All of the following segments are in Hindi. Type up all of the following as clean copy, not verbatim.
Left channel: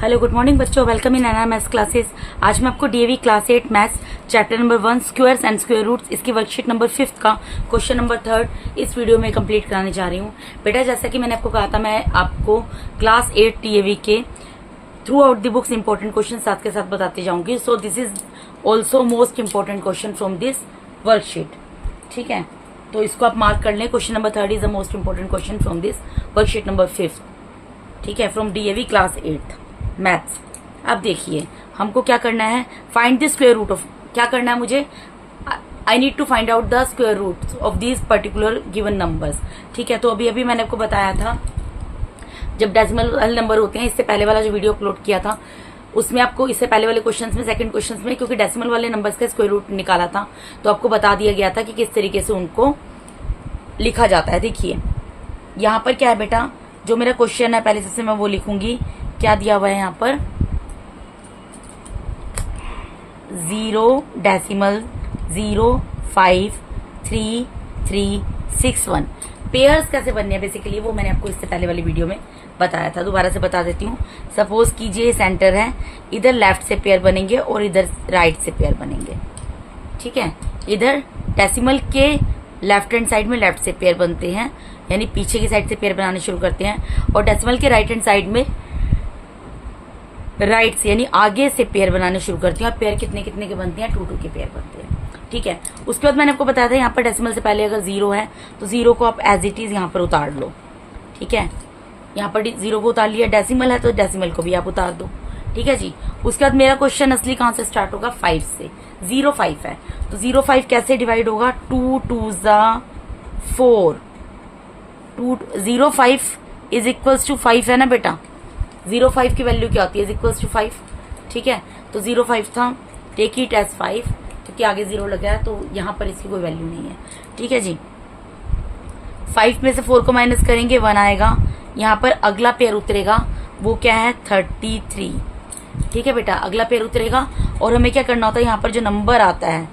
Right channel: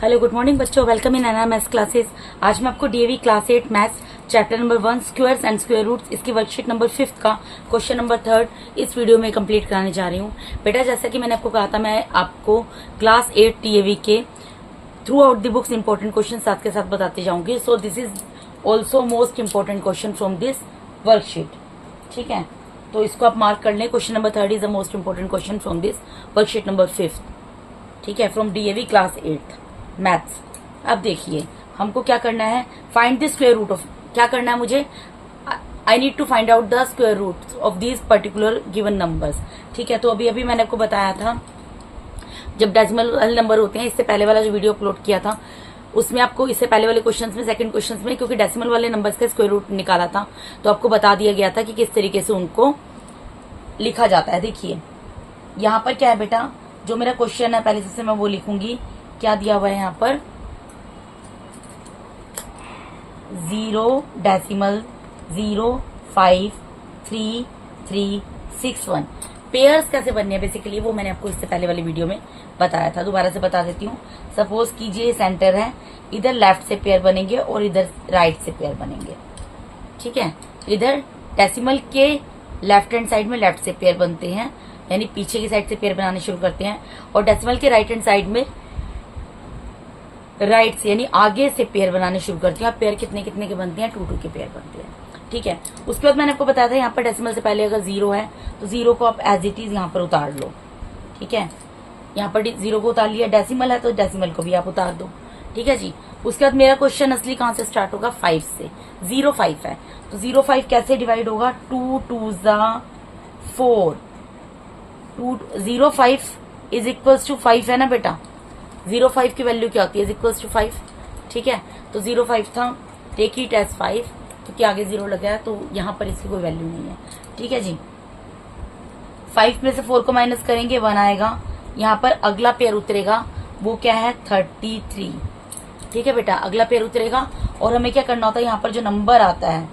हेलो गुड मॉर्निंग बच्चों, welcome in NR maths classes. आज मैं आपको DAV class 8 maths chapter number 1 squares and square roots इसकी वर्कशीट नंबर 5 का क्वेश्चन नंबर 3 इस वीडियो में कंप्लीट कराने जा रही हूँ। बेटा जैसा कि मैंने आपको कहा था, मैं आपको क्लास 8 डीएवी के through out the books important question साथ के साथ बताते जाऊंगी। So this is also most important question from this worksheet. ठीक है, तो इसको आप मार्क कर लें। Question number 3 is the most important question from this worksheet number 5। ठीक है, फ्रॉम डीएवी क्लास 8 मैथ्स। अब देखिए हमको क्या करना है, find the square root of, क्या करना है मुझे, I need to find out the square root of these particular given numbers. ठीक है, तो अभी अभी मैंने आपको बताया था जब डेसिमल वाले नंबर होते हैं, इससे पहले वाला जो वीडियो अपलोड किया था उसमें आपको इससे पहले वाले क्वेश्चंस में, सेकंड क्वेश्चंस में, क्योंकि डेसिमल वाले नंबर्स का स्क्वायर रूट निकाला था तो आपको बता दिया गया था कि किस तरीके से उनको लिखा जाता है। देखिए यहाँ पर क्या है बेटा, जो मेरा क्वेश्चन है पहले से मैं वो लिखूंगी। क्या दिया हुआ है यहाँ पर, 0.053361 पेयर्स कैसे बनने हैं बेसिकली वो मैंने आपको इससे पहले वाली वीडियो में बताया था, दोबारा से बता देती हूँ। सपोज कीजिए सेंटर है, इधर लेफ्ट से पेयर बनेंगे और इधर राइट से पेयर बनेंगे। ठीक है, इधर डेसिमल के लेफ्ट हैंड साइड में लेफ्ट से पेयर बनते हैं, यानी पीछे की साइड से पेयर बनाने शुरू करते हैं, और डेसिमल के राइट हैंड साइड में राइट से यानी आगे से पेयर बनाने शुरू करती हैं। और पेयर कितने कितने के बनते हैं, 2 के पेयर बनते हैं। ठीक है, उसके बाद मैंने आपको बताया था यहाँ पर डेसिमल से पहले अगर 0 है तो 0 को आप एज इट इज यहाँ पर उतार लो। ठीक है, यहाँ पर 0 को उतार लिया, डेसिमल है तो डेसिमल को भी आप उतार दो। ठीक है जी, उसके बाद मेरा क्वेश्चन असली कहाँ से स्टार्ट होगा, 5 से। 0.5 है तो 0.5 कैसे डिवाइड होगा, 2 2 4, 0.5 इज इक्वल्स टू 5 है ना बेटा। 0.5 की वैल्यू क्या होती है, इज इक्वल्स टू 5। ठीक है, तो 0.5 था, टेक इट एज 5 क्योंकि आगे 0 लगा है तो यहाँ पर इसकी कोई वैल्यू नहीं है। ठीक है जी, 5 में से 4 को माइनस करेंगे 1 आएगा। यहाँ पर अगला पेयर उतरेगा, वो क्या है 33। ठीक है बेटा, अगला पेयर उतरेगा और हमें क्या करना होता है, यहाँ पर जो नंबर आता है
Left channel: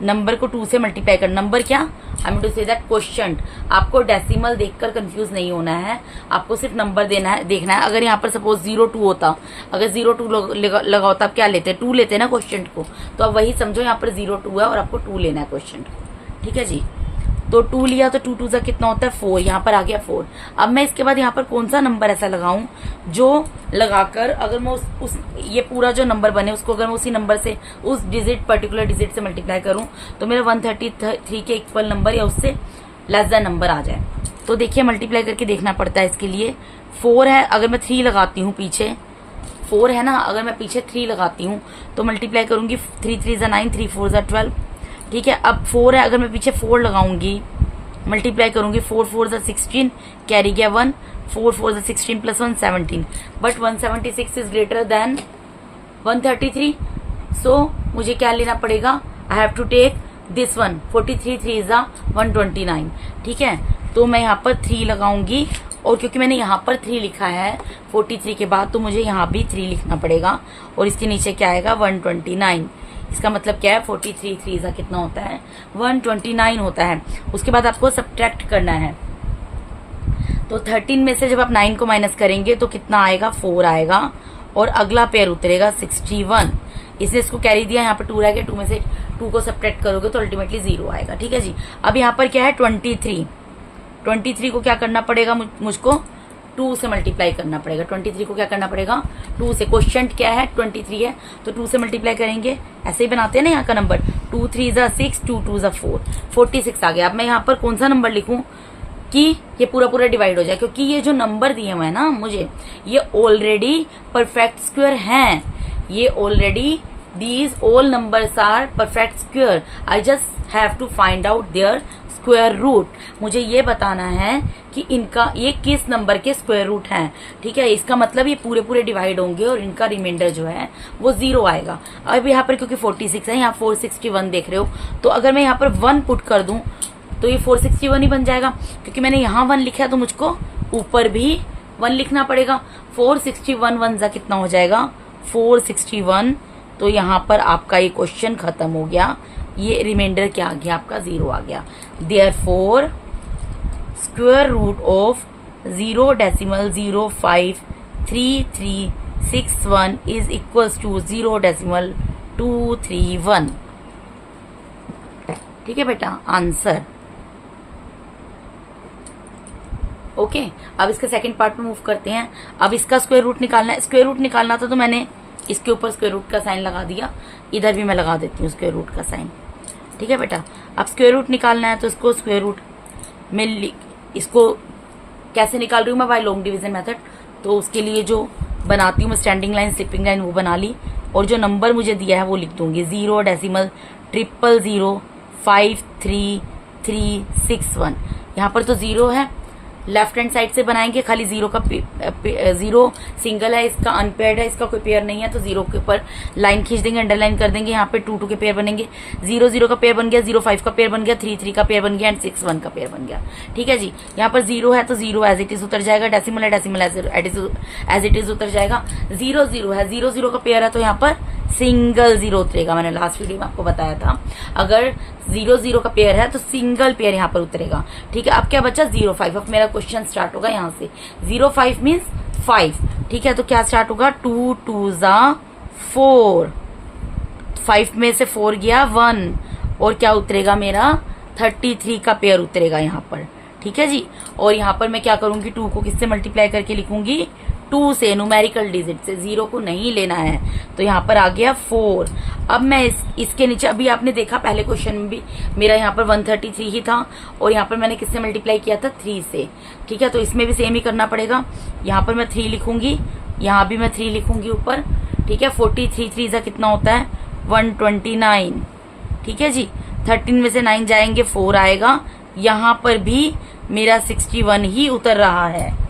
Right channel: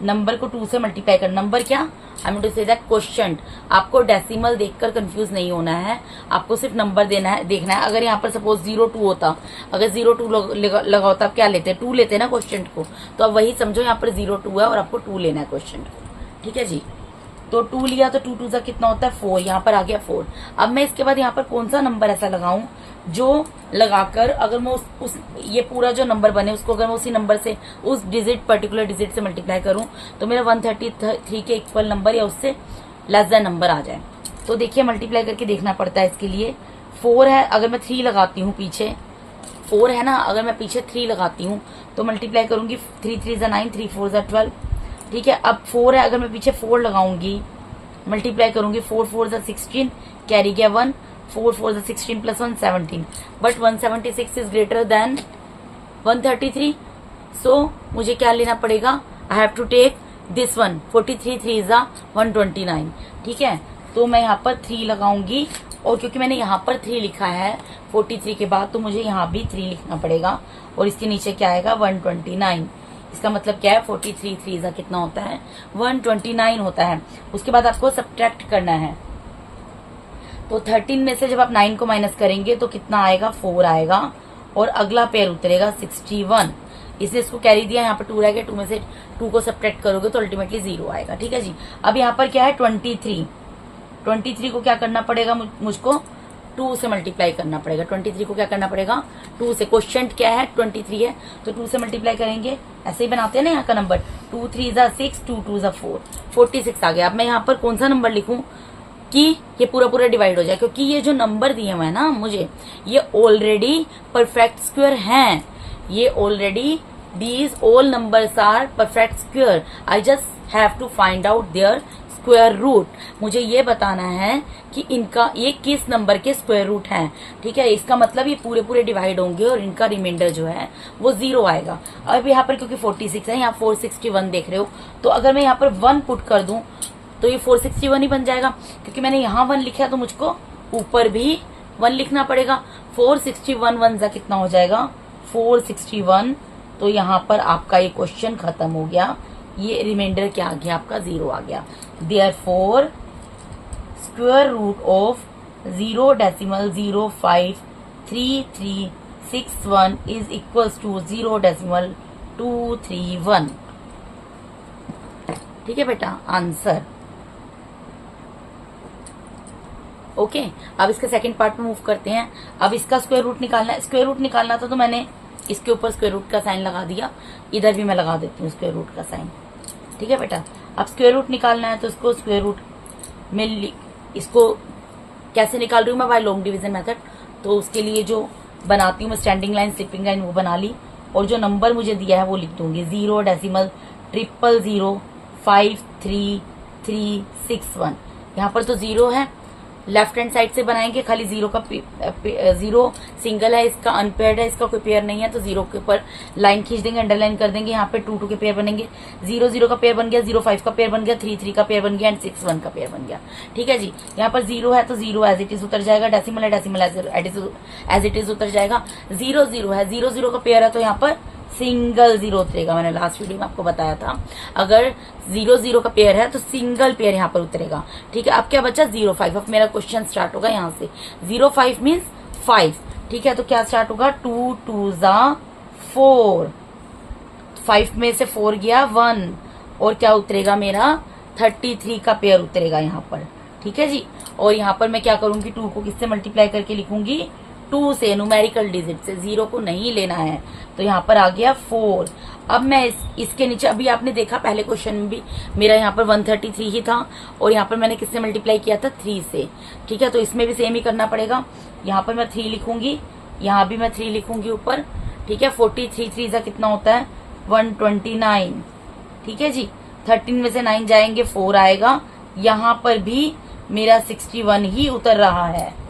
नंबर को 2 से मल्टीप्लाई करना। नंबर क्या, I am to say that question. आपको डेसिमल देखकर कंफ्यूज नहीं होना है, आपको सिर्फ नंबर देना है, देखना है। अगर यहाँ पर सपोज 0.2 होता, अगर 0.2 लगा होता, आप क्या लेते हैं, 2 लेते हैं ना क्वेश्चन को, तो अब वही समझो यहाँ पर 0.2 है और आपको 2 लेना है क्वेश्चन को। ठीक है जी, तो 2 लिया तो 2 2 सा कितना होता है 4, यहाँ पर आ गया 4। अब मैं इसके बाद यहाँ पर कौन सा नंबर ऐसा लगाऊं जो लगाकर अगर मैं उस ये पूरा जो नंबर बने उसको अगर मैं उसी नंबर से उस डिजिट पर्टिकुलर डिजिट से मल्टीप्लाई करूं तो मेरा 133 के इक्वल नंबर या उससे लेस देन नंबर आ जाए। तो देखिए मल्टीप्लाई करके देखना पड़ता है इसके लिए। 4 है, अगर मैं 3 लगाती हूँ पीछे, 4 है ना, अगर मैं पीछे 3 लगाती हूँ तो मल्टीप्लाई करूंगी 3 3 9, 3 4 12। ठीक है, अब 4 है, अगर मैं पीछे 4 लगाऊंगी मल्टीप्लाई करूंगी 4 4 16, कैरी गया 1, 4 4 16 plus 1 17, but 176 is greater than 133। So मुझे क्या लेना पड़ेगा, I have to take this one, 43 3 is 129। ठीक है, तो मैं यहाँ पर 3 लगाऊंगी और क्योंकि मैंने यहाँ पर 3 लिखा है 43 के बाद तो मुझे यहाँ भी 3 लिखना पड़ेगा और इसके नीचे क्या आएगा 129। इसका मतलब क्या है, 43 3 का कितना होता है 129 होता है। उसके बाद आपको सब्ट्रैक्ट करना है, तो 13 में से जब आप 9 को माइनस करेंगे तो कितना आएगा 4 आएगा और अगला पेयर उतरेगा 61। इसने इसको कैरी दिया, यहाँ पर 2 रह गया, 2 में से 2 को सब्ट्रैक्ट करोगे तो अल्टीमेटली 0 आएगा। ठीक है जी, अब यहाँ पर क्या है 23 को क्या करना पड़ेगा, मुझको 2 से मल्टीप्लाई करना पड़ेगा। 23 को क्या करना पड़ेगा 2 से, क्वेश्चन क्या है 23 है तो 2 से मल्टीप्लाई करेंगे, ऐसे ही बनाते हैं ना यहाँ का नंबर, 2 3 6, 2 2 4, 46 आ गया। अब मैं यहाँ पर कौन सा नंबर लिखूं कि ये पूरा डिवाइड हो जाए, क्योंकि ये जो नंबर दिए हुए हैं ना मुझे, ये ऑलरेडी परफेक्ट स्क्वायर हैं, ये already these all numbers are perfect square. I just have to find out their square root. मुझे ये बताना है कि इनका ये किस नंबर के स्क्वायर रूट हैं। ठीक है, इसका मतलब ये पूरे डिवाइड होंगे और इनका रिमाइंडर जो है वो 0 आएगा। अब यहाँ पर क्योंकि 46 है, यहाँ 461 देख रहे हो, तो अगर मैं यहाँ पर 1 पुट कर दूं तो ये 461 ही बन जाएगा। क्योंकि मैंने यहाँ 1 लिखा है तो मुझको ऊपर भी 1 लिखना पड़ेगा। 461 1 जा कितना हो जाएगा 461। तो यहाँ पर आपका ये क्वेश्चन खत्म हो गया, ये रिमाइंडर क्या आ गया आपका 0 आ गया। Therefore square root of 0.0533 0.61 is equals to 0.231। ठीक है बेटा, आंसर। ओके, अब इसका सेकंड पार्ट में मूव करते हैं। अब इसका स्क्वायर रूट निकालना है। स्क्वायर रूट निकालना था तो मैंने इसके ऊपर स्क्वायर रूट का साइन लगा दिया, इधर भी मैं लगा देती हूँ स्क्वायर रूट का साइन। ठीक है बेटा, अब स्क्वायर रूट निकालना है तो इसको स्क्वायर रूट में इसको कैसे निकाल रही हूँ मैं, बाय लॉन्ग डिवीजन मेथड। तो उसके लिए जो बनाती हूँ मैं स्टैंडिंग लाइन, स्लिपिंग लाइन, वो बना ली और जो नंबर मुझे दिया है वो लिख दूंगी 0.00533361। यहाँ पर तो 0 है, लेफ्ट हैंड साइड से बनाएंगे, खाली 0 का 0 सिंगल है, इसका अनपेयर्ड है, इसका कोई पेयर नहीं है, तो 0 के ऊपर लाइन खींच देंगे, अंडरलाइन कर देंगे। यहाँ पे 2 2 के पेयर बनेंगे, 0 0 का पेयर बन गया, 0 5 का पेयर बन गया, 3 3 का पेयर बन गया एंड 6 1 का पेयर बन गया। ठीक है जी, यहाँ पर 0 है तो 0 एज इट इज उतर जाएगा, डेसिमल है डेसिमल एज इट इज उतर जाएगा। 0 0 है, 0 0 का पेयर है तो यहाँ पर सिंगल 0 उतरेगा। मैंने लास्ट वीडियो में आपको बताया था, अगर 0 0 का पेयर है तो सिंगल पेयर यहाँ पर उतरेगा। ठीक है, अब क्या बचा 0 5। अब मेरा क्वेश्चन स्टार्ट होगा यहाँ से, 0 5 मीन्स 5। ठीक है, तो क्या स्टार्ट होगा, 2 2 ज़ा 4, 5 में से 4 गया 1 और क्या उतरेगा मेरा 33 का पेयर उतरेगा यहाँ पर। ठीक है जी, और यहाँ पर मैं क्या करूंगी, 2 को किससे मल्टीप्लाई करके लिखूंगी, 2 से, न्यूमेरिकल डिजिट से, 0 को नहीं लेना है। तो यहाँ पर आ गया 4। अब मैं इसके नीचे, अभी आपने देखा पहले क्वेश्चन में भी मेरा यहाँ पर 133 ही था और यहाँ पर मैंने किससे मल्टीप्लाई किया था, 3 से। ठीक है, तो इसमें भी सेम ही करना पड़ेगा। यहाँ पर मैं 3 लिखूंगी, यहाँ भी मैं 3 लिखूंगी ऊपर। ठीक है, 43 3 सा कितना होता है, 129। ठीक है जी, 13 में से 9 जाएंगे 4 आएगा। यहाँ पर भी मेरा 61 ही उतर रहा है,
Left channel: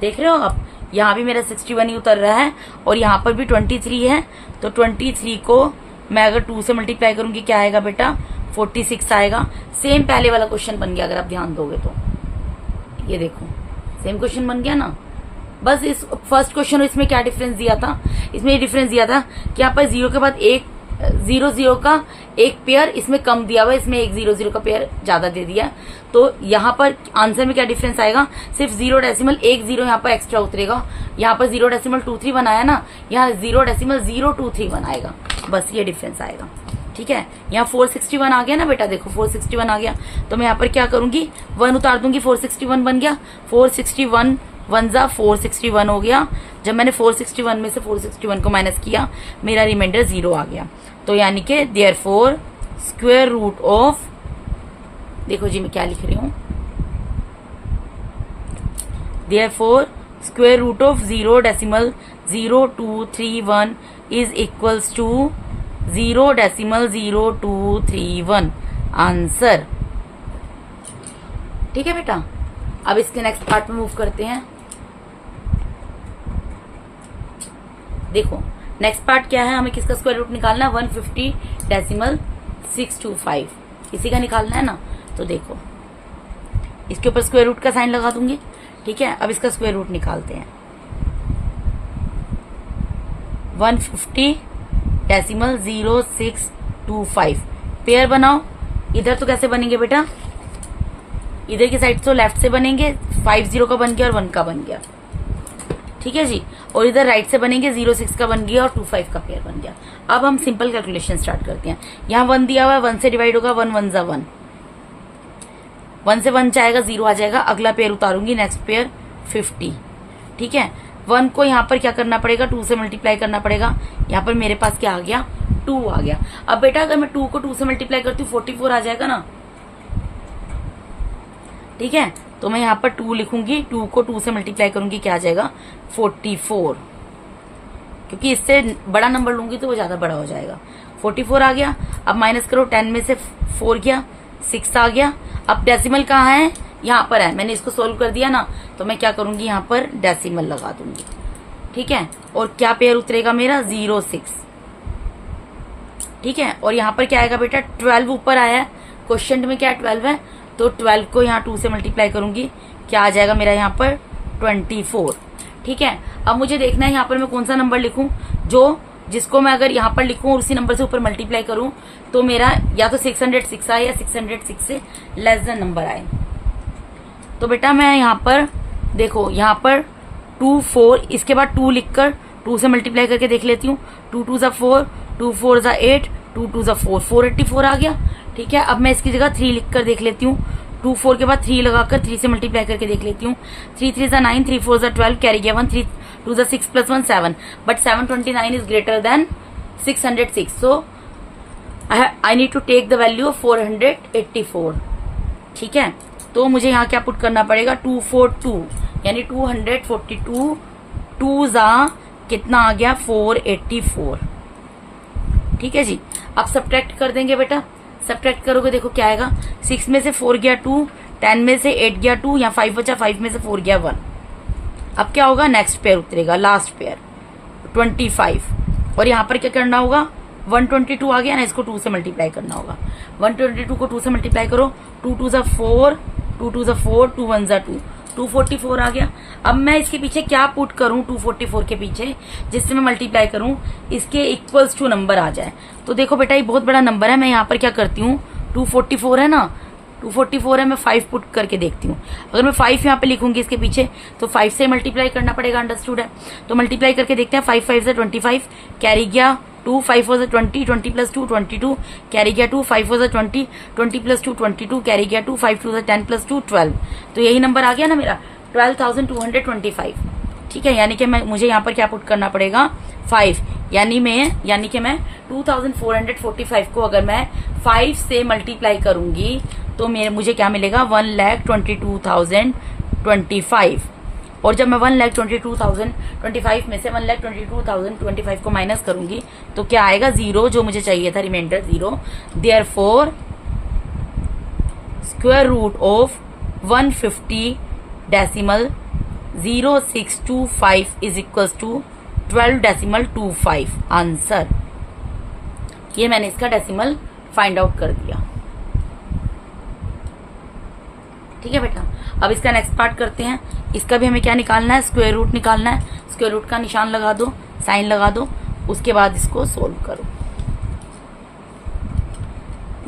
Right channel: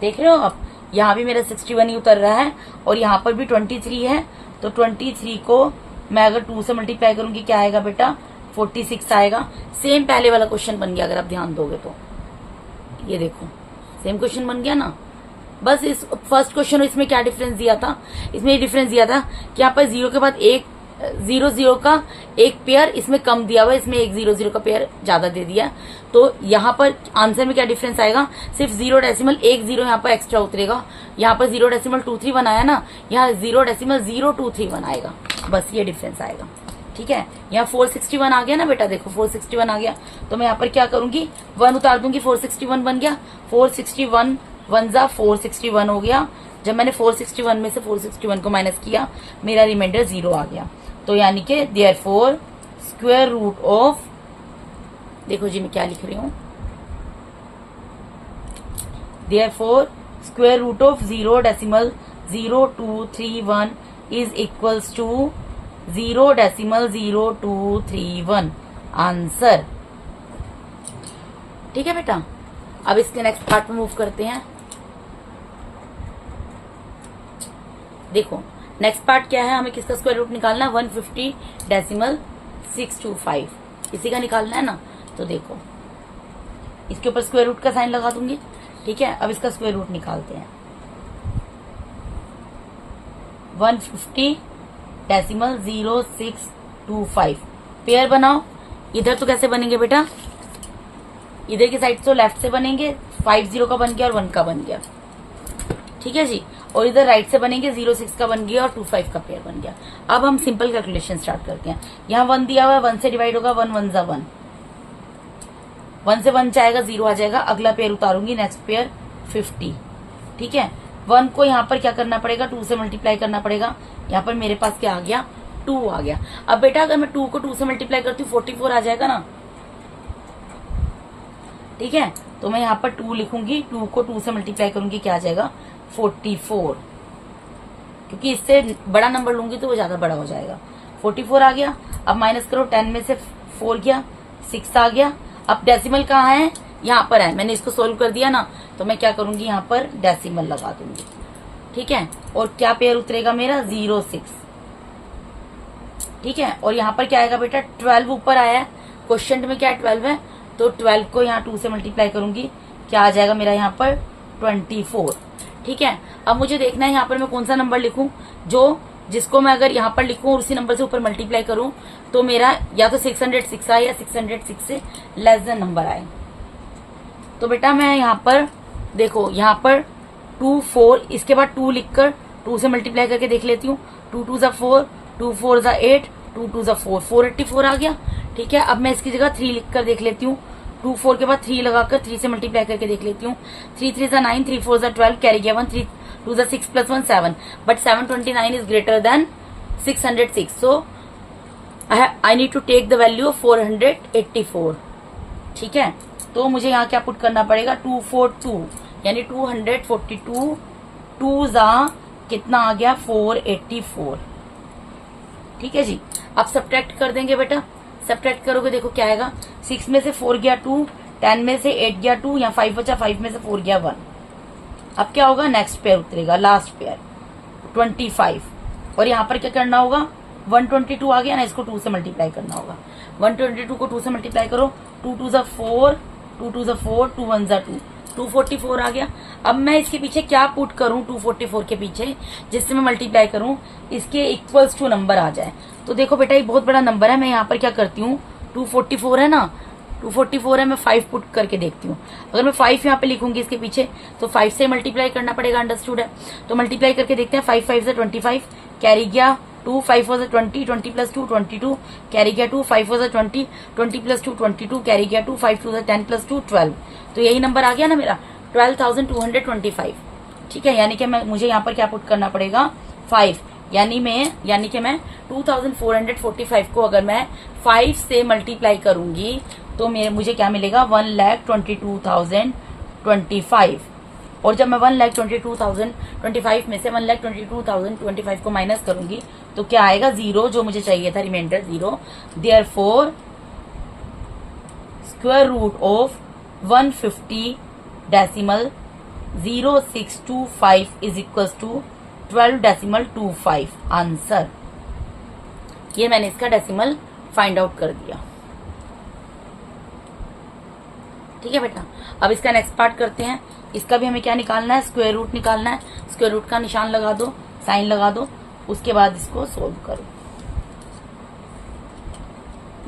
देख रहे हो आप, यहाँ भी मेरा 61 ही उतर रहा है और यहाँ पर भी 23 है। तो 23 को मैं अगर 2 से मल्टीप्लाई करूंगी क्या आएगा बेटा, 46 आएगा। सेम पहले वाला क्वेश्चन बन गया, अगर आप ध्यान दोगे तो ये देखो सेम क्वेश्चन बन गया ना। बस इस फर्स्ट क्वेश्चन और इसमें क्या डिफरेंस दिया था, इसमें ये डिफरेंस दिया था कि यहाँ पर 0 के बाद 0 0 का एक पेयर इसमें कम दिया हुआ है, इसमें 1 0 0 का पेयर ज्यादा दे दिया। तो यहाँ पर आंसर में क्या डिफरेंस आएगा, सिर्फ 0.1 यहाँ पर एक्स्ट्रा उतरेगा। यहाँ पर 0.231 आया ना, यहाँ 0.0231 आएगा, बस ये डिफरेंस आएगा। ठीक है, यहाँ 461 आ गया ना बेटा, देखो 461 आ गया। तो मैं यहाँ पर क्या करूंगी, 1 उतार दूंगी, 461 बन गया। 461 1 जा 461 हो गया। जब मैंने 461 में से 461 को माइनस किया, मेरा रिमाइंडर 0 आ गया। तो यानी कि देयरफॉर स्क्वायर रूट ऑफ, देखो जी मैं क्या लिख रही हूं, therefore square root of 0.0231 is equals to 0.0231 answer. ठीक है बेटा, अब इसके नेक्स्ट पार्ट में मूव करते हैं। देखो नेक्स्ट पार्ट क्या है, हमें किसका स्क्वायर रूट निकालना है, 150.625 इसी का निकालना है ना। तो देखो इसके ऊपर स्क्वायर रूट का साइन लगा दूंगी। ठीक है, अब इसका स्क्वायर रूट निकालते हैं। 150.0625 पेयर बनाओ। इधर तो कैसे बनेंगे बेटा, इधर की साइड तो लेफ्ट से बनेंगे, 5 0 का बन गया और 1 का बन गया। ठीक है जी, और इधर राइट से बनेंगे, 0 6 का बन गया और 2 5 का पेयर बन गया। अब हम सिंपल कैलकुलेशन स्टार्ट करते हैं। यहाँ 1 दिया हुआ है, 1 से डिवाइड होगा, 1 1 जा 1, 1 से 1 जाएगा, 0 आ जाएगा। अगला पेयर उतारूंगी, नेक्स्ट पेयर 50। ठीक है, 1 को यहाँ पर क्या करना पड़ेगा, 2 से मल्टीप्लाई करना पड़ेगा। यहाँ पर मेरे पास क्या आ गया, 2 आ गया। अब बेटा अगर मैं 2 को 2 से मल्टीप्लाई करती हूँ 44 आ जाएगा ना। ठीक है, तो मैं यहाँ पर 2 लिखूंगी, 2 को 2 से मल्टीप्लाई करूंगी, क्या आ जाएगा 44, क्योंकि इससे बड़ा नंबर लूंगी तो वो ज्यादा बड़ा हो जाएगा। 44 आ गया। अब माइनस करो, 10 में से 4 गया, 6 आ गया। अब डेसिमल कहाँ है, यहाँ पर है, मैंने इसको सोल्व कर दिया ना। तो मैं क्या करूंगी, यहाँ पर डेसिमल लगा दूंगी। ठीक है, और क्या पेयर उतरेगा मेरा, 0 6। ठीक है, और यहाँ पर क्या आएगा बेटा, 12 ऊपर आया है, क्वेश्चन में क्या 12 है, तो 12 को यहाँ 2 से मल्टीप्लाई करूंगी, क्या आ जाएगा मेरा यहाँ पर 24। ठीक है, अब मुझे देखना है यहाँ पर मैं कौन सा नंबर लिखूं, जिसको मैं अगर यहाँ पर लिखूं और उसी नंबर से ऊपर मल्टीप्लाई करूं तो मेरा या तो 606 आए या 606 से लेस देन नंबर आए। तो बेटा मैं यहाँ पर देखो, यहाँ पर 2 4, इसके बाद 2 लिखकर 2 से मल्टीप्लाई करके देख लेती हूँ। 2 2 ज़ा 4, 2 4 ज़ा 8, 2 2 ज़ा 4, 484 आ गया। ठीक है, अब मैं इसकी जगह 3 लिखकर देख लेती हूँ। 2 4 के बाद 3 लगाकर 3 से मल्टीप्लाई करके देख लेती हूँ। 3 3 ज़ा 9, 3 4 ज़ा 12, कैरी गया 1, 3 2 ज़ा 6 plus 1 7, but 729 is greater than 606, so I need to take the value of 484। ठीक है, तो मुझे यहाँ क्या पुट करना पड़ेगा, 242, यानी 242, 2 ज़ा कितना आ गया 484। ठीक है जी, अब सब्ट्रैक्ट कर देंगे बेटा। सब्ट्रैक्ट करोगे देखो क्या आएगा, 6 में से 4 गया 2, 10 में से 8 गया 2, यहाँ 5 बचा, 5 में से 4 गया 1। अब क्या होगा, नेक्स्ट पेयर उतरेगा, लास्ट पेयर 25, और यहाँ पर क्या करना होगा, 122 आ गया ना, इसको 2 से मल्टीप्लाई करना होगा। 122 को 2 से मल्टीप्लाई करो, 2 2 ज़ा 4, 2 2 ज़ा 4, 2 1 ज़ा 2, 244 आ गया। अब मैं इसके पीछे क्या पुट करूं, 244 के पीछे, जिससे मैं मल्टीप्लाई करूं इसके इक्वल्स टू नंबर आ जाए। तो देखो बेटा, ये बहुत बड़ा नंबर है, मैं यहाँ पर क्या करती हूँ, 244 है ना, 244 है, मैं 5 पुट करके देखती हूँ। अगर मैं 5 यहाँ पे लिखूंगी इसके पीछे, तो 5 से मल्टीप्लाई करना पड़ेगा, अंडरस्टूड है। तो मल्टीप्लाई करके देखते हैं, 5 5 से 25, कैरी गया 2, 5 4 से 20, 20 प्लस 2 22, कैरी गया 2, 5 4 से 20, 20 प्लस 2 22, कैरी गया 2, 5 2 से 10 प्लस 2 12। तो यही नंबर आ गया ना मेरा, 12,225। ठीक है, यानी कि मुझे यहाँ पर क्या पुट करना पड़ेगा, 5, यानी कि मैं 2,445 को अगर मैं 5 से मल्टीप्लाई करूंगी तो मुझे क्या मिलेगा, 1,22,025। और जब मैं 1,22,025 में से 1,22,025 को माइनस करूंगी तो क्या आएगा, 0, जो मुझे चाहिए था, reminder 0। Therefore square root of 150.0625 is equal to 12.25 answer. ये मैंने इसका डेसिमल फाइंड आउट कर दिया। ठीक है बेटा, अब इसका नेक्स्ट पार्ट करते हैं। इसका भी हमें क्या निकालना है, स्क्वायर रूट निकालना है। स्क्वायर रूट का निशान लगा दो, साइन लगा दो, उसके बाद इसको सोल्व करो।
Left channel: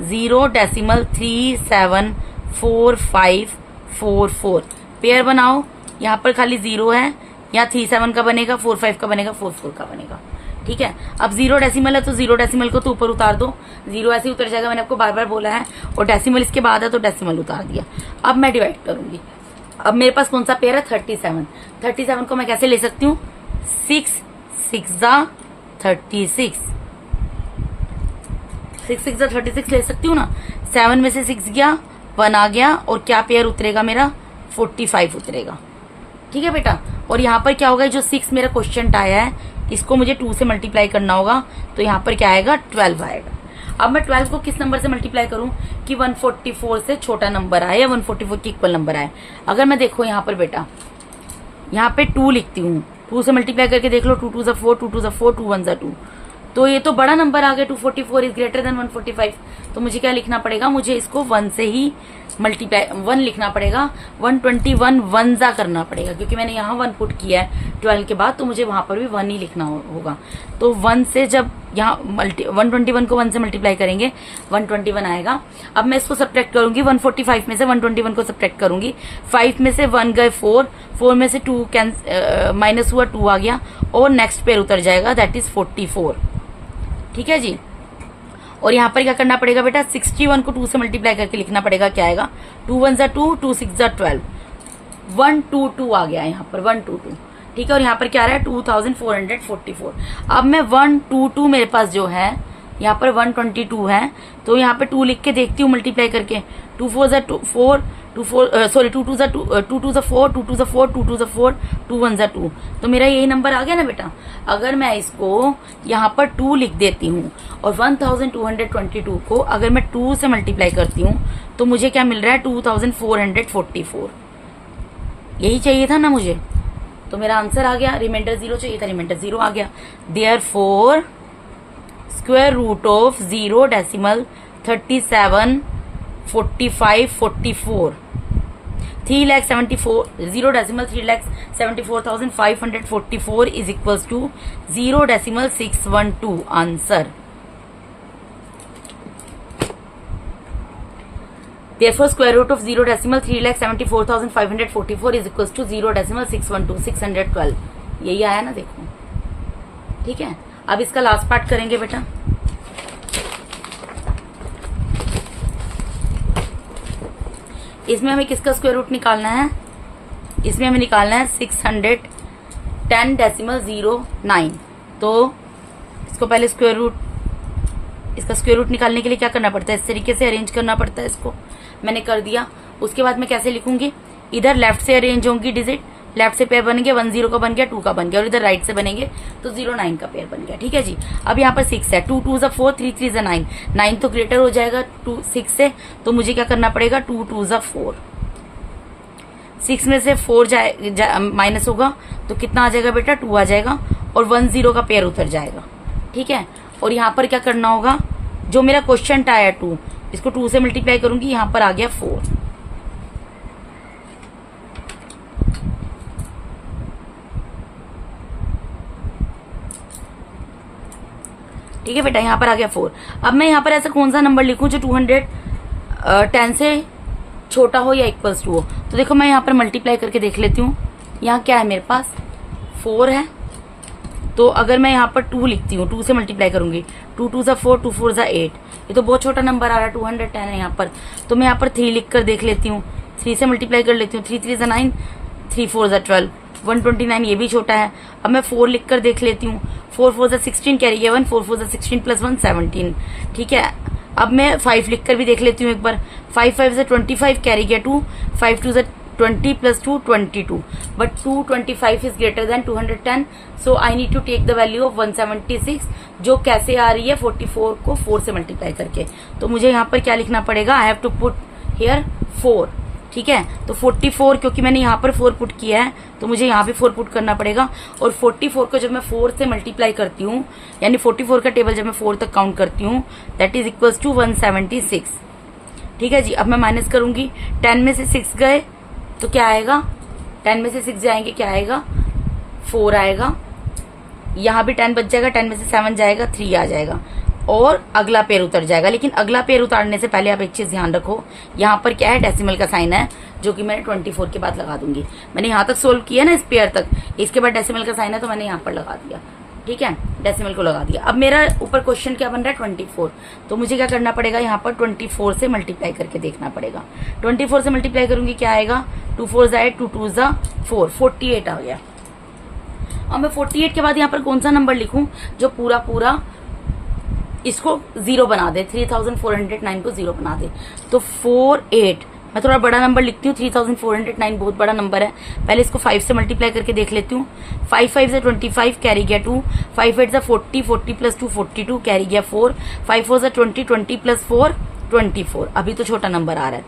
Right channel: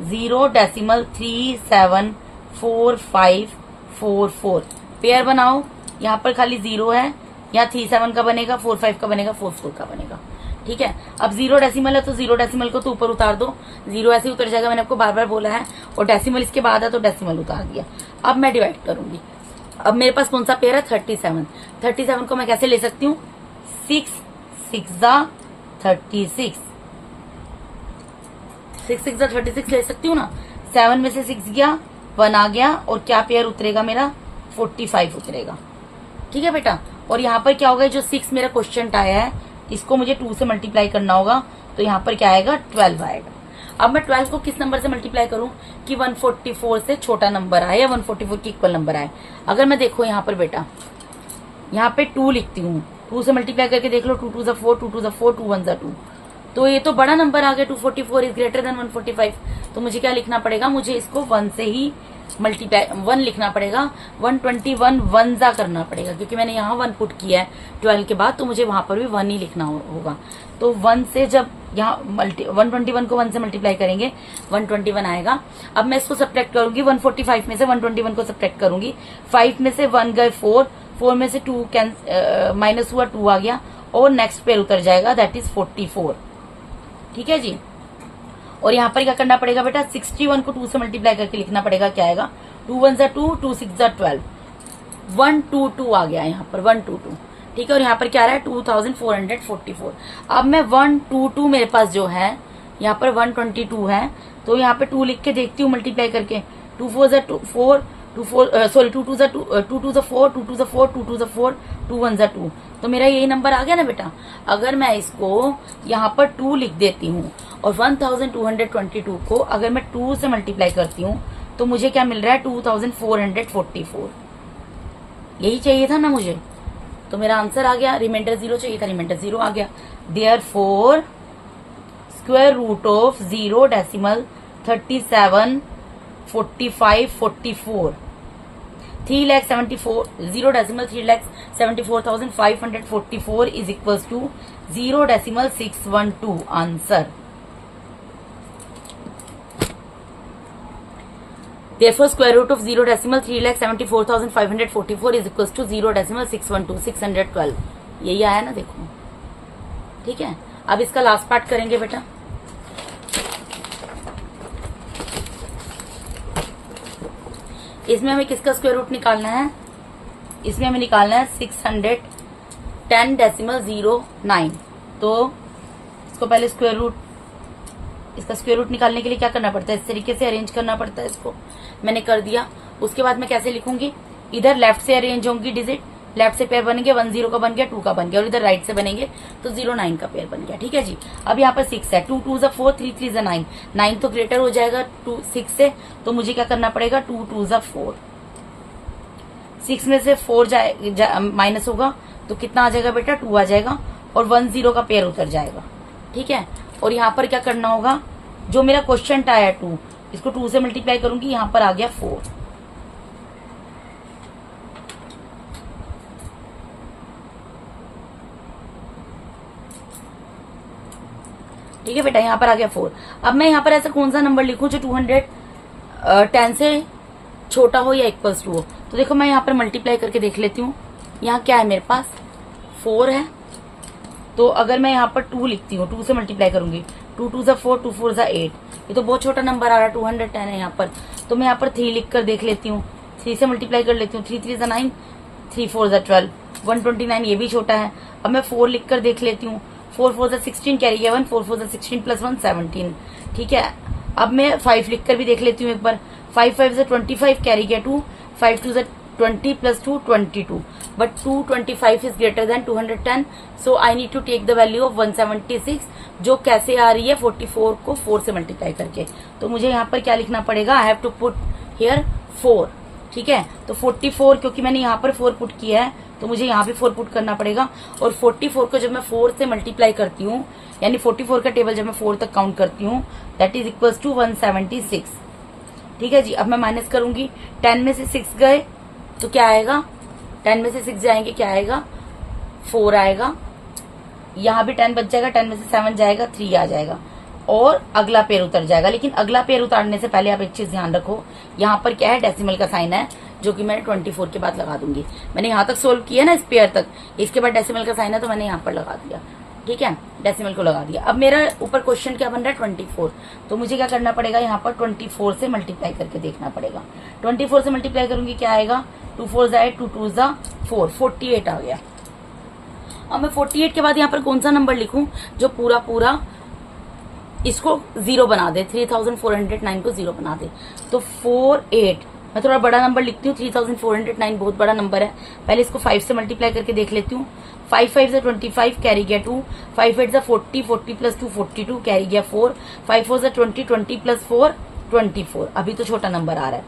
0.374544 पेयर बनाओ। यहाँ पर खाली 0 है, यहाँ 37 का बनेगा, 45 का बनेगा, 44 का बनेगा। ठीक है, अब 0 डेसिमल है तो 0 डेसिमल को तो ऊपर उतार दो, 0 ऐसे ही उतर जाएगा, मैंने आपको बार बार बोला है। और डेसिमल इसके बाद है तो डेसिमल उतार दिया। अब मैं डिवाइड करूंगी। अब मेरे पास कौन सा पेयर है, 37। 37 को मैं कैसे ले सकती हूँ, 6 6 ज़ा 36, 6 6 ज़ा 36 ले सकती हूँ ना। 7 में से 6 गया, 1 आ गया, और क्या पेयर उतरेगा मेरा, 45 उतरेगा। ठीक है बेटा, और यहाँ पर क्या होगा, जो 6 मेरा क्वेश्चन आया है इसको मुझे 2 से मल्टीप्लाई करना होगा, तो यहाँ पर क्या आएगा, 12 आएगा। अब मैं 12 को किस नंबर से मल्टीप्लाई करूं कि 144 से छोटा नंबर आए या 144 के इक्वल नंबर आए। अगर मैं देखो यहाँ पर बेटा, यहाँ पे 2 लिखती हूँ, 2 से मल्टीप्लाई करके देख लो, 2 2 ज़ा 4, 2 2 ज़ा 4, 2 1 ज़ा 2, तो ये तो बड़ा नंबर आ गया, 244 इज ग्रेटर देन 145। तो मुझे क्या लिखना पड़ेगा, मुझे इसको 1 से ही मल्टीप्लाई 1 लिखना पड़ेगा, 121 1 ज़ा करना पड़ेगा, क्योंकि मैंने यहाँ 1 पुट किया है 12 के बाद, तो मुझे वहां पर भी 1 ही लिखना होगा। तो 1 से जब यहाँ 121 को 1 से मल्टीप्लाई करेंगे 121 आएगा। अब मैं इसको सब्ट्रैक्ट करूंगी, 145 में से 121 को सब्ट्रैक्ट करूंगी। 5 में से 1 गए 4, 4 में से 2 माइनस हुआ, 2 आ गया, और नेक्स्ट पेयर उतर जाएगा, दैट इज 44। ठीक है जी, और यहाँ पर क्या करना पड़ेगा बेटा, 61 को 2 से मल्टीप्लाई करके लिखना पड़ेगा, क्या आएगा, 2 1 ज़ा 2, 2 6 ज़ा 12, 122 आ गया यहाँ पर, 122। ठीक है, और यहाँ पर क्या आ रहा है, 2444। अब मैं 122 मेरे पास जो है, यहाँ पर 122 है, तो यहाँ पे 2 लिख के देखती हूँ मल्टीप्लाई करके। 2 4 ज़ा 4, 2 2 ज़ा 4, 2 2 ज़ा 4, 2 2 ज़ा 4, 2 1 ज़ा 2, तो मेरा यही नंबर आ गया ना बेटा। अगर मैं इसको यहाँ पर 2 लिख देती हूँ और 1222 को अगर मैं 2 से मल्टीप्लाई करती हूँ तो मुझे क्या मिल रहा है, 2444। यही चाहिए था ना मुझे, तो मेरा आंसर आ गया। रिमाइंडर 0 चाहिए था, रिमाइंडर 0 आ गया। Therefore square root of 0.374544 3,74,544 is equal to 0.612 answer. Therefore, square root of 0.3,74,544 is equals to 0.612 612। यही आया ना, देखो। ठीक है, अब इसका लास्ट पार्ट करेंगे बेटा। इसमें हमें किसका स्क्वायर रूट निकालना है? इसमें हमें निकालना है 610.09। तो इसको पहले इसका स्क्वायर रूट निकालने के लिए क्या करना पड़ता है? इस तरीके से अरेंज करना पड़ता है। इसको मैंने कर दिया। उसके बाद मैं कैसे लिखूंगी? इधर लेफ्ट से अरेंज होंगी डिजिट, लेफ्ट से पेयर बनेंगे, 1 0 का बन गया, 2 का बन गया, और इधर राइट से बनेंगे तो 0 9 का पेयर बन गया। ठीक है जी। अब यहाँ पर 6 है, 2 2 4, 3 3 9, 9 तो ग्रेटर हो जाएगा 6 से, तो मुझे क्या करना पड़ेगा? 2 2 4, 6 में से 4 माइनस होगा तो कितना आ जाएगा बेटा? 2 आ जाएगा, और 1 0 का पेयर उतर जाएगा। ठीक है, और यहाँ पर क्या करना होगा? जो मेरा क्वेश्चन आया 2, इसको 2 से मल्टीप्लाई करूंगी, यहाँ पर आ गया 4। ठीक है बेटा, यहाँ पर आ गया 4। अब मैं यहाँ पर ऐसा कौन सा नंबर लिखूं जो 210 से छोटा हो या इक्वल्स टू हो? तो देखो मैं यहाँ पर मल्टीप्लाई करके देख लेती हूँ। यहाँ क्या है मेरे पास? 4 है। तो अगर मैं यहाँ पर 2 लिखती हूँ, 2 से मल्टीप्लाई करूंगी, 2 2 4, 2 4 8, ये तो बहुत छोटा नंबर आ रहा है, 210 है यहाँ पर। तो मैं यहाँ पर 3 लिख कर देख लेती हूँ, 3 से मल्टीप्लाई कर लेती हूँ, 3 3 9, 3 4 12, 129, ये भी छोटा है। अब मैं 4 लिख कर देख लेती हूँ, 4 4 16 कैरी गया 1, 4 4 16 प्लस 1 17। ठीक है, अब मैं 5 लिख कर भी देख लेती हूँ एक बार, 5 5 से 25 कैरी गया 2, 5 2 से 20 plus 2 22, but 225 is greater than 210, so I need to take the value of 176, जो कैसे आ रही है? 44 को 4 से मल्टीप्लाई करके। तो मुझे यहाँ पर क्या लिखना पड़ेगा? I have to put here 4। ठीक है, तो 44, क्योंकि मैंने यहाँ पर 4 पुट किया है तो मुझे यहाँ भी 4 पुट करना पड़ेगा, और 44 को जब मैं 4 से मल्टीप्लाई करती हूँ, यानी 44 का टेबल जब मैं 4 तक काउंट करती हूँ, दैट इज इक्वल्स टू 176। ठीक है जी। अब मैं माइनस करूंगी, 10 में से 6 गए तो क्या आएगा? 10 में से 6 जाएंगे, क्या आएगा? 4 आएगा। यहाँ भी 10 बच जाएगा, 10 में से 7 जाएगा, 3 आ जाएगा, और अगला पेयर उतर जाएगा। लेकिन अगला पेयर उतारने से पहले आप एक चीज ध्यान रखो, यहाँ पर क्या है? डेसिमल का साइन है, जो कि मैंने 24 के बाद लगा दूंगी। मैंने यहाँ तक सोल्व किया ना इस पेयर तक, इसके बाद डेसिमल का साइन है तो मैंने यहाँ पर लगा दिया। ठीक है, डेसिमल को लगा दिया। अब मेरा ऊपर क्वेश्चन क्या बन रहा है? 24। तो मुझे क्या करना पड़ेगा? यहाँ पर 24 से मल्टीप्लाई करके देखना पड़ेगा। 24 से मल्टीप्लाई करूंगी, क्या आएगा? 2 4 8, 2 2 4, 48 आ गया। अब मैं 48 के बाद यहाँ पर कौन सा नंबर लिखूं जो पूरा पूरा इसको 0 बना दे, 3409 को 0 बना दे? तो 48, मैं थोड़ा बड़ा नंबर लिखती हूँ, 3409 बहुत बड़ा नंबर है। पहले इसको 5 से मल्टीप्लाई करके देख लेती हूँ। 5 5 से 25 कैरी गया 2, 5 8 से 40, 40 प्लस 2 42 कैरी गया 4, 5 4 से 20, 20 प्लस 4 24। अभी तो छोटा नंबर आ रहा है।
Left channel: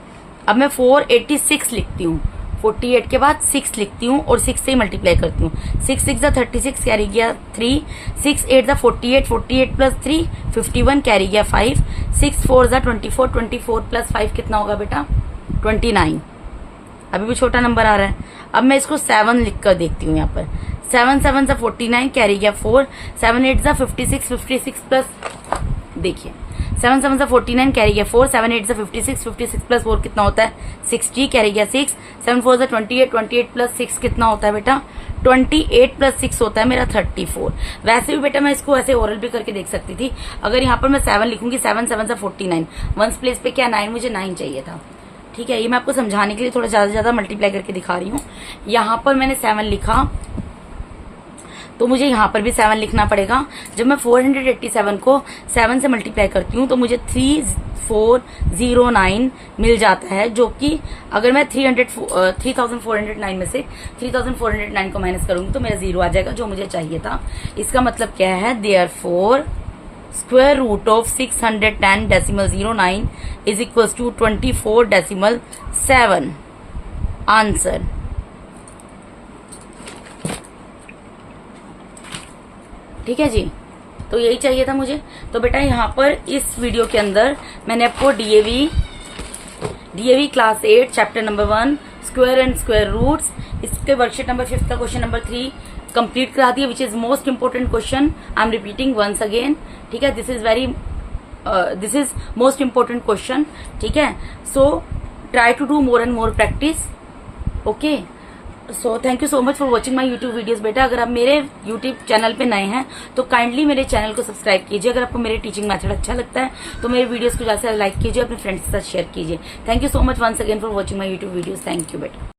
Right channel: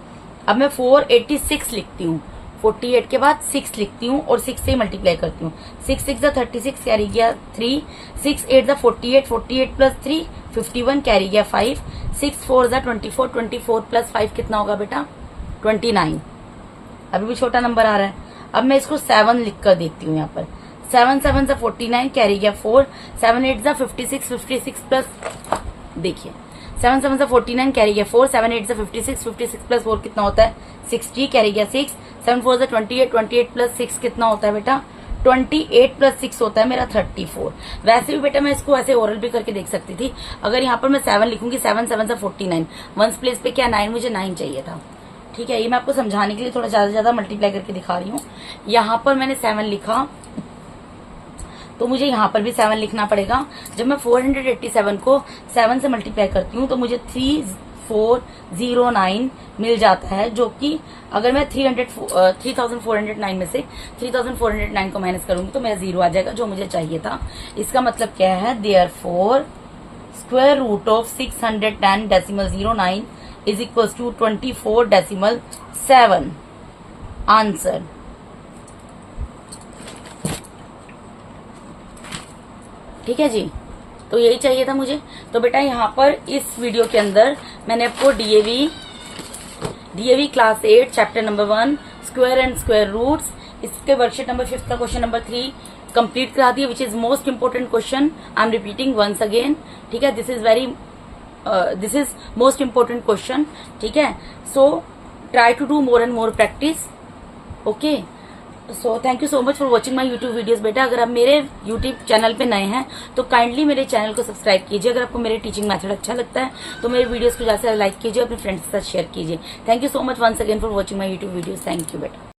अब मैं 486 लिखती हूँ, 48 के बाद 6 लिखती हूँ और 6 से ही मल्टीप्लाई करती हूँ। 6 6 जा 36 कैरी गया 3, 6 8 जा 48, 48 प्लस 3 51 कैरी गया 5, 6 4 जा 24, 24 प्लस 5 कितना होगा बेटा? 29। अभी भी छोटा नंबर आ रहा है। अब मैं इसको 7 लिख कर देखती हूँ। यहाँ पर 7 7 जा 49 कैरी गया 4, 7 8 जा 56, 56 प्लस, देखिए 7 7 जा 49 कैरी गया 4, 7 8 जा 56, 56 प्लस 4 कितना होता है? 60 कैरी गया 6, 7 4 जा 28, 28 प्लस 6 कितना होता है बेटा? 28 प्लस 6 होता है मेरा 34। वैसे भी बेटा मैं इसको ऐसे ओरल भी करके देख सकती थी। अगर यहाँ पर मैं 7 लिखूंगी, 7 7 जा 49, 1 प्लेस पे क्या 9, मुझे 9 चाहिए था। ठीक है, ये मैं आपको समझाने के लिए थोड़ा ज्यादा ज्यादा मल्टीप्लाई करके दिखा रही हूँ। यहाँ पर मैंने 7 लिखा तो मुझे यहाँ पर भी 7 लिखना पड़ेगा। जब मैं 487 को 7 से मल्टीप्लाई करती हूँ तो मुझे 3409 मिल जाता है, जो कि अगर मैं 3409 में से 3409 को माइनस करूंगी तो मेरा 0 आ जाएगा, जो मुझे चाहिए था। इसका मतलब क्या है? Therefore square root of 610.09 is equals to 24.7। Answer. ठीक है जी, तो यही चाहिए था मुझे। तो बेटा यहाँ पर इस वीडियो के अंदर मैंने आपको DAV class 8 chapter number 1 square and square roots, इसके वर्कशीट नंबर 5 का क्वेश्चन नंबर 3 कंप्लीट करा दिया, which is most important question. I am repeating once again. ठीक है, this is most important question. ठीक है, so try to do more and more practice. Okay, so thank you so much for watching my YouTube videos. बेटा अगर आप मेरे यूट्यूब चैनल पे नए हैं तो काइंडली मेरे चैनल को सब्सक्राइब कीजिए। अगर आपको मेरे टीचिंग मेथड अच्छा लगता है तो मेरे वीडियोस को ज्यादा से लाइक कीजिए, अपने फ्रेंड्स के साथ शेयर कीजिए। Thank you so much once again for watching my YouTube videos. Thank you बेटा।